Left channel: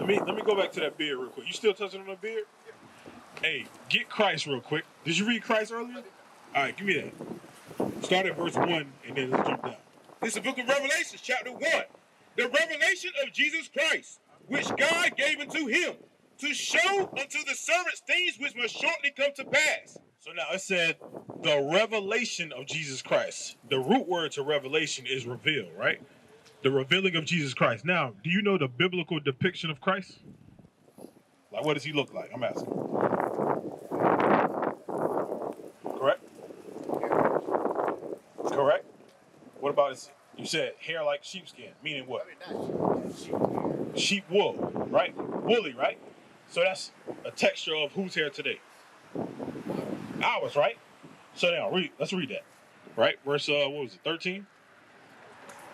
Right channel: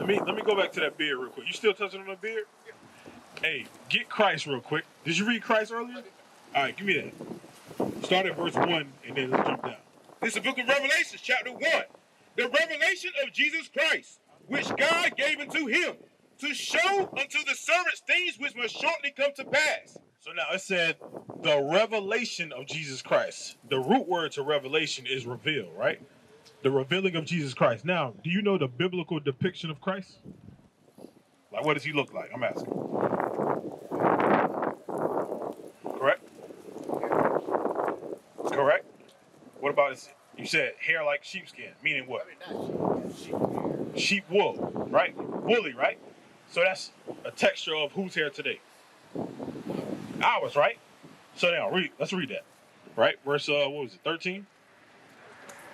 Let me go back to that beard real quick. You still touching on the beard? Hey, get Christ real quick. Did you read Christ earlier? All right, give me that. Start at verse 1 and then let's jump down. This is the book of Revelation, chapter 1. The revelation of Jesus Christ, which God gave unto him, to show unto the servants things which must shortly come to pass. So now it said the revelation of Jesus Christ. The root word to revelation is reveal, right? The revealing of Jesus Christ. Now, do you know the biblical depiction of Christ? Like, what does he look like? I'm asking. Correct? Correct? What about his, you said hair like sheepskin, meaning what? I mean, not sheep. Sheep wool, right? Woolly, right? So that's a texture of whose hair today? Ours, right? So now, let's read that. Right? Verse, what was it, 13?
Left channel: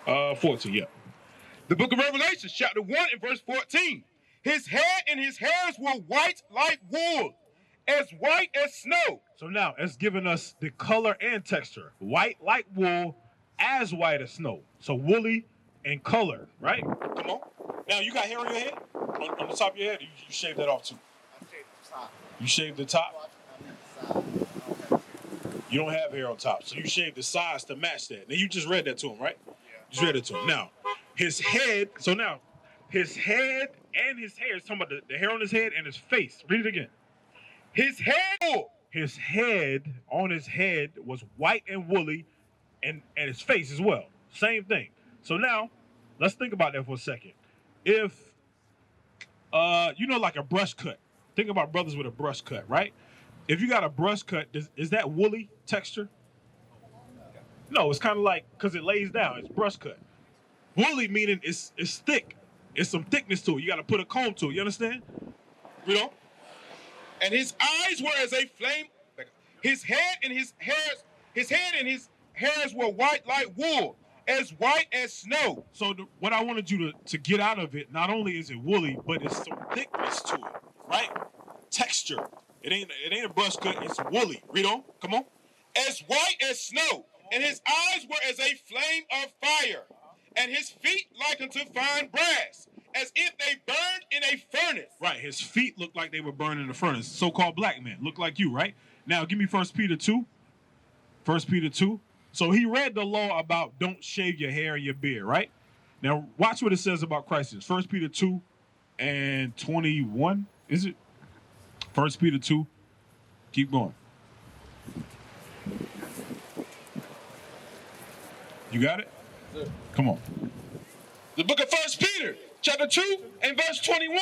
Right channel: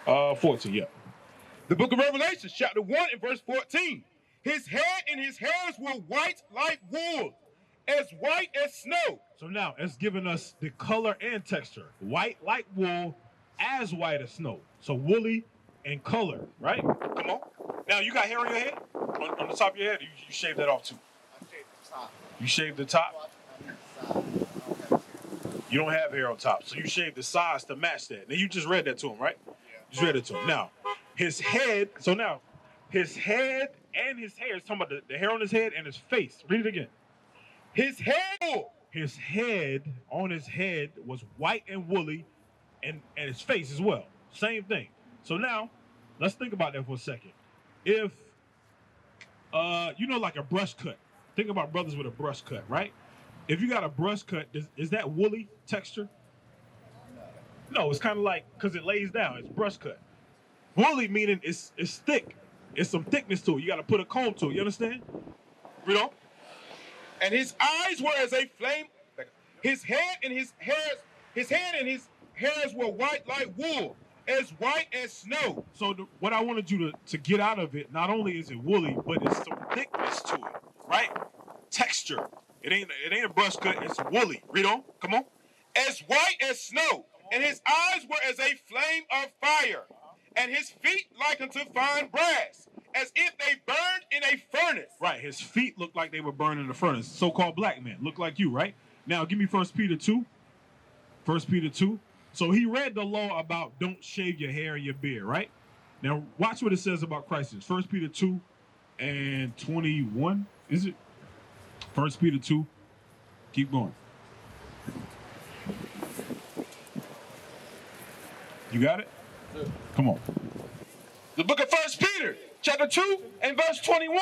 14, yeah. The book of Revelation, chapter 1 and verse 14. His head and his hairs were white like wool, as white as snow. So now, it's giving us the color and texture. White like wool, as white as snow. So woolly and color, right? Come on. Now, you got hair on your head? On the top of your head? You shaved that off too? I shaved the top. You shaved the top? You don't have hair on top, so you shaved the sides to match that. Now, you just read that to him, right? Yeah. You just read it to him. Now, his head, so now, his head and his hair, it's talking about the hair on his head and his face. Read it again. His head On his head was white and woolly, and his face as well. Same thing. So now, let's think about that for a second. If, like a brush cut. Think about brothers with a brush cut, right? If you got a brush cut, is that woolly texture? No, it's kind of like, because it lays down, it's brush cut. Woolly meaning it's thick. It's some thickness to it. You got to put a comb to it. You understand? Read on. and his eyes were as a flame. His head and his hairs were white like wool, as white as snow. So what I wanted you to get out of it, not only is it woolly, but it's some thickness to it, right? Texture. It ain't a brush cut, it's woolly. Read on, come on. As white as snow, and his eyes were as a flame of fire, and his feet like unto fine brass, as if they burned in a furnace. Right, his feet looked like they were burned in a furnace. So-called black man, look like you, right? Now, give me 1 Peter 2. 1 Peter 2. So he read the law about don't shave your hair and your beard, right? Now, watch what it says about Christ. 1 Peter 2 and 21, is it? 1 Peter 2. Keep going. You got it? Sir. Come on. The book of 1 Peter, chapter 2 and verse 21.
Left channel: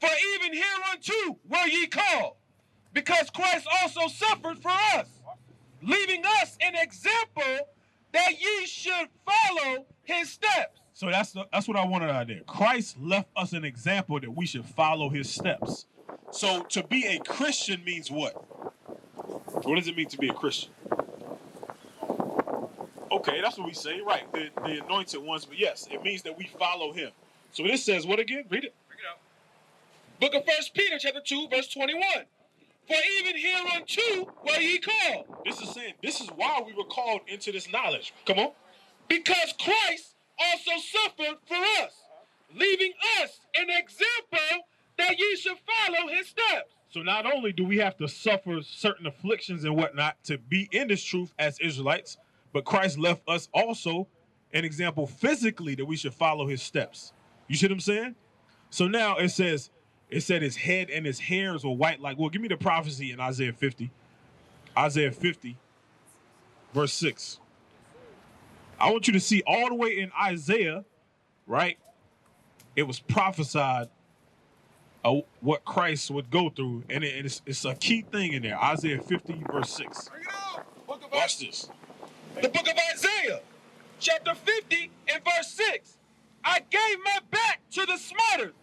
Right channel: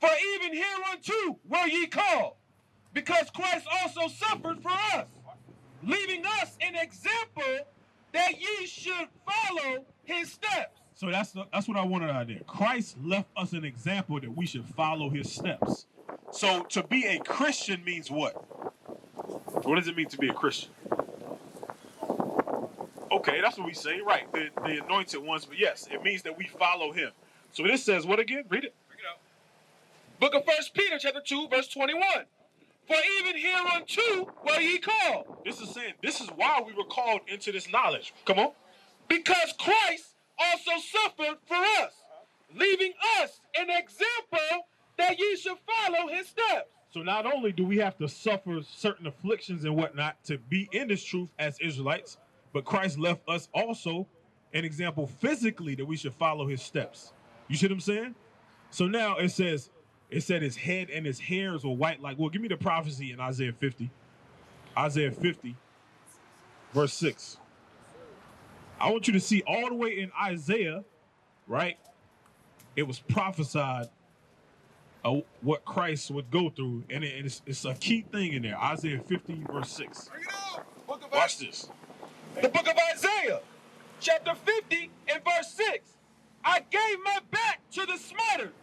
For even hereunto were ye called, because Christ also suffered for us, leaving us an example that ye should follow his steps. So that's what I wanted out there. Christ left us an example that we should follow his steps. So to be a Christian means what? What does it mean to be a Christian? Okay, that's what we say, right? The anointed ones, but yes, it means that we follow him. So this says what again? Read it. Bring it out. Book of 1 Peter, chapter 2, verse 21. For even hereunto were ye called. This is saying, this is why we were called into this knowledge. Come on. Because Christ also suffered for us, leaving us an example that ye should follow his steps. So not only do we have to suffer certain afflictions and whatnot to be in this truth as Israelites, but Christ left us also an example physically that we should follow his steps. You see what I'm saying? So now it said his head and his hairs were white like wool. Give me the prophecy in Isaiah 50. Isaiah 50, verse 6. I want you to see all the way in Isaiah, right? It was prophesied what Christ would go through, and it's a key thing in there. Isaiah 50, verse 6. Bring it out. Book of Watch this. The book of Isaiah, chapter 50 and verse 6. I gave my back to the smiters.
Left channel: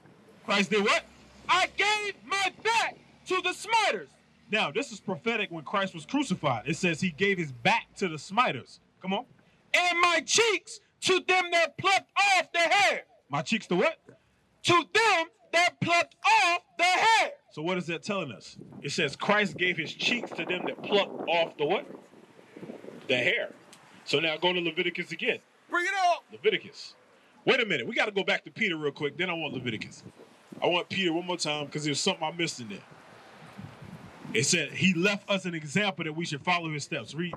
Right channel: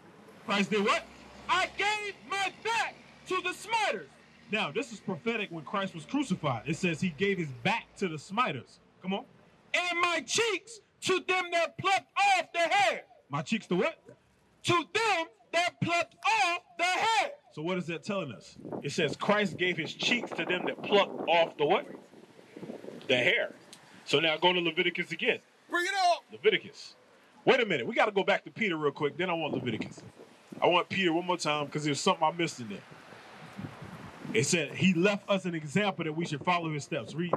Christ did what? I gave my back to the smiters. Now, this is prophetic when Christ was crucified. It says he gave his back to the smiters. Come on. And my cheeks to them that plucked off the hair. My cheeks to what? To them that plucked off the hair. So what is that telling us? It says Christ gave his cheeks to them that plucked off the what? The hair. So now go to Leviticus again. Bring it on. Leviticus. Wait a minute. We got to go back to Peter real quick. Then I want Leviticus. I want Peter one more time because there's something I missed in there. It said he left us an example that we should follow his steps. Read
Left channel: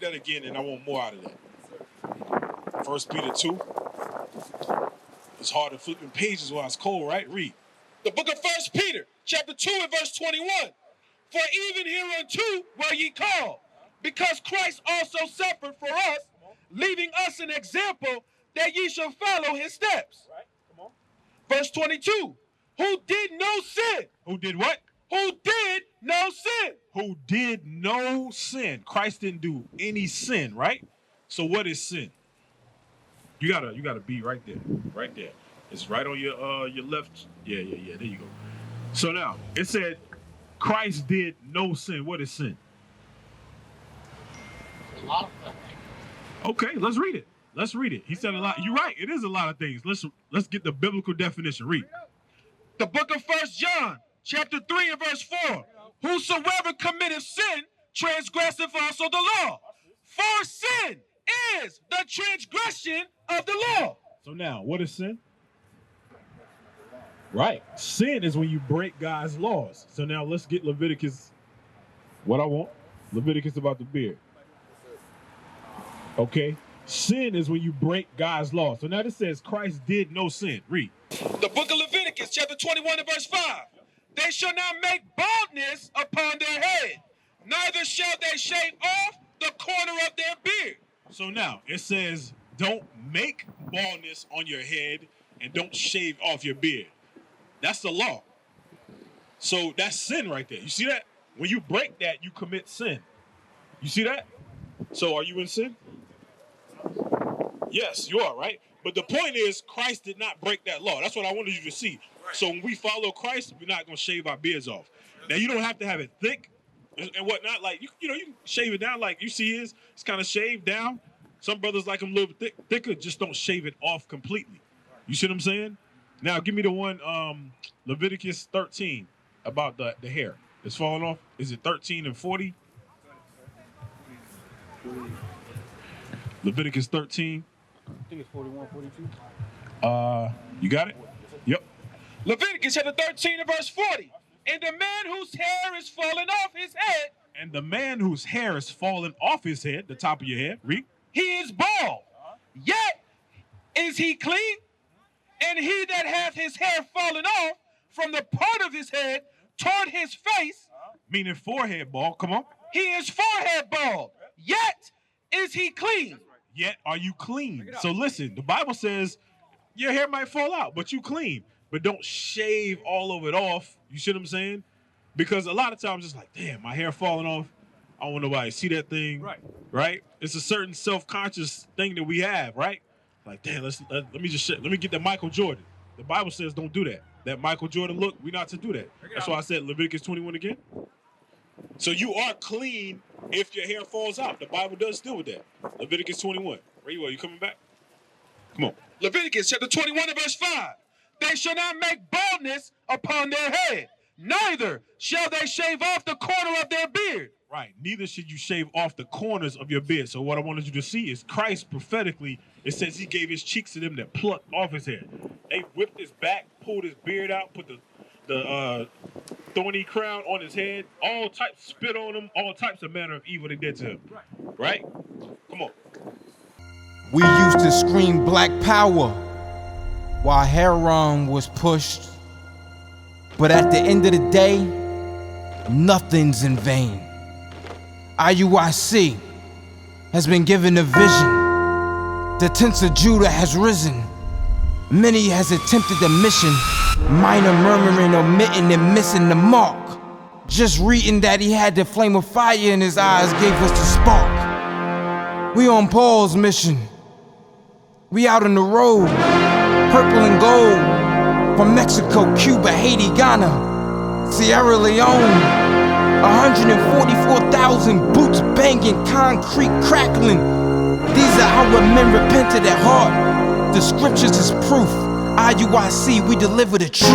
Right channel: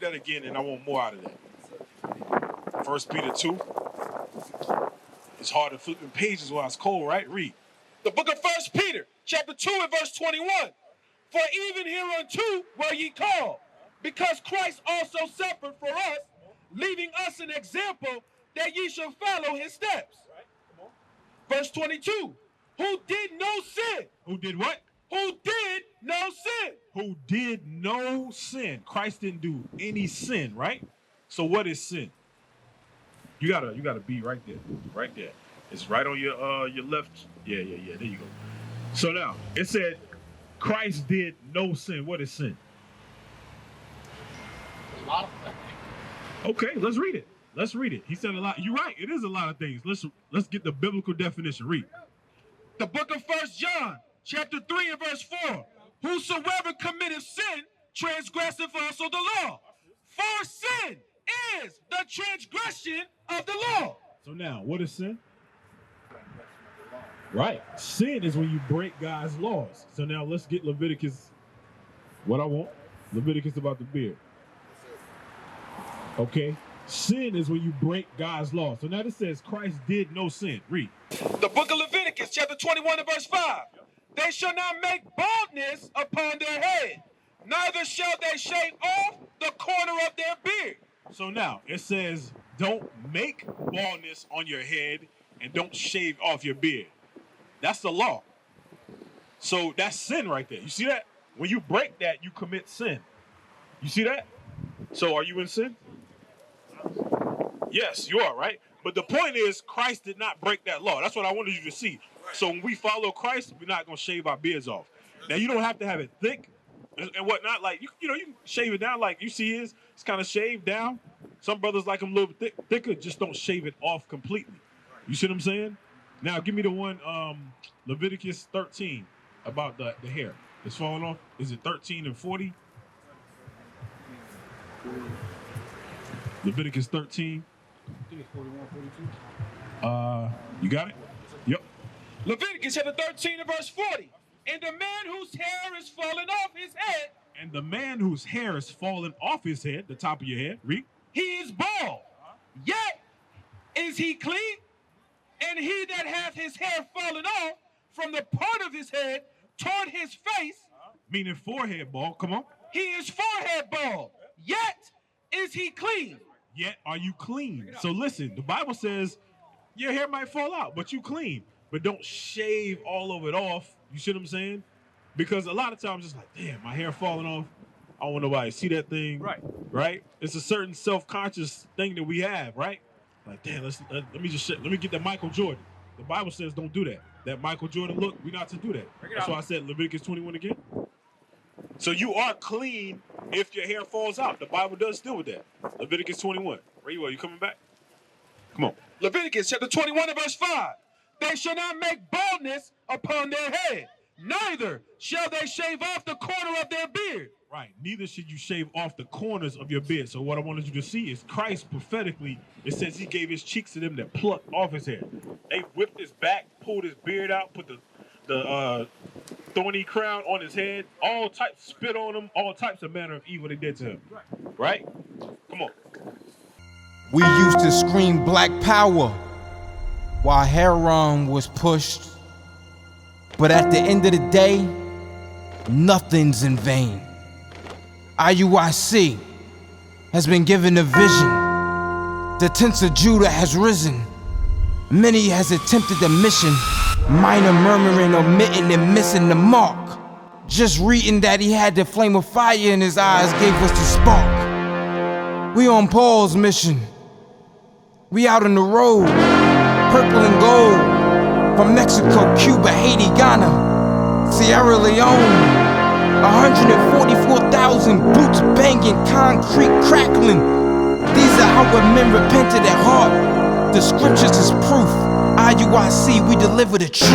that again, and I want more out of that. 1 Peter 2. It's hard to flip the pages while it's cold, right? Read. The book of 1 Peter, chapter 2 and verse 21. For even hereunto were ye called, because Christ also suffered for us, leaving us an example that ye shall follow his steps. Right, come on. Verse 22. Who did no sin. Who did what? Who did no sin. Who did no sin. Christ didn't do any sin, right? So what is sin? You gotta be right there. Right there. It's right on your left. Yeah, there you go. So now, it said Christ did no sin. What is sin? A lot of things. Okay, let's read it. Let's read it. He said a lot. You're right. It is a lot of things. Let's get the biblical definition. Read. The book of 1 John, chapter 3 and verse 4. Whosoever committeth sin, transgresseth also the law. For sin is the transgression of the law. So now, what is sin? Right. Sin is when you break God's laws. So now let's get Leviticus. What I want. Leviticus about the beard. Okay. Sin is when you break God's law. So now it says Christ did no sin. Read. The book of Leviticus, chapter 21 and verse 5. They shall not make baldness upon their head, neither shall they shave off the corner of their beard. So now it says don't make baldness on your head and don't shave off your beard. That's the law. So that's sin right there. You see that? When you break that, you commit sin. You see that? So are you in sin? Yes, you are, right? But the point is, Christ did not break that law. That's what I wanted you to see. Right. So when we follow Christ, we're not going to shave our beards off. Now, you don't have to have it thick and whatnot. Like, you can shave it down like you see his. It's kind of shaved down. Some brothers like them a little bit thicker. Just don't shave it off completely. You see what I'm saying? Now, give me the one, Leviticus 13, about the hair. It's falling off. Is it 13 and 40? Leviticus 13. I think it's 41, 42. You got it? Yep. Leviticus chapter 13 and verse 40. And the man whose hair is fallen off his head. And the man whose hair is fallen off his head, the top of your head, read. He is bald. Yet is he clean? And he that hath his hair fallen off from the part of his head toward his face. Meaning forehead bald. Come on. He is forehead bald. Yet is he clean? Yet are you clean? So listen, the Bible says your hair might fall out, but you clean. But don't shave all of it off. You see what I'm saying? Because a lot of times it's like, damn, my hair falling off. I don't want nobody to see that thing. Right? It's a certain self-conscious thing that we have, right? Like, damn, let me get that Michael Jordan. The Bible says don't do that. That Michael Jordan look, we're not to do that. That's why I said Leviticus 21 again. So you are clean if your hair falls out. The Bible does deal with that. Leviticus 21. Where you are? You coming back? Come on. Leviticus chapter 21 and verse 5. They shall not make baldness upon their head, neither shall they shave off the corner of their beard. Right. Neither should you shave off the corners of your beard. So what I wanted you to see is Christ prophetically, it says he gave his cheeks to them that plucked off his head. They whipped his back, pulled his beard out, put the thorny crown on his head, all types, spit on him, all types of manner of evil they did to him. Right? Come on. We used to scream black power while Heron was pushed. But at the end of the day, nothing's in vain. IUIC has been given a vision. The tents of Judah has risen. Many has attempted the mission. Minor murmuring, omitting, and missing the mark. Just reading that he had the flame of fire in his eyes gave us the spark. We on Paul's mission. We out on the road, purple and gold. From Mexico, Cuba, Haiti, Ghana, Sierra Leone. 144,000 boots banging, concrete crackling. These are our men repented at heart. The scriptures is proof. IUIC, we deliver the truth.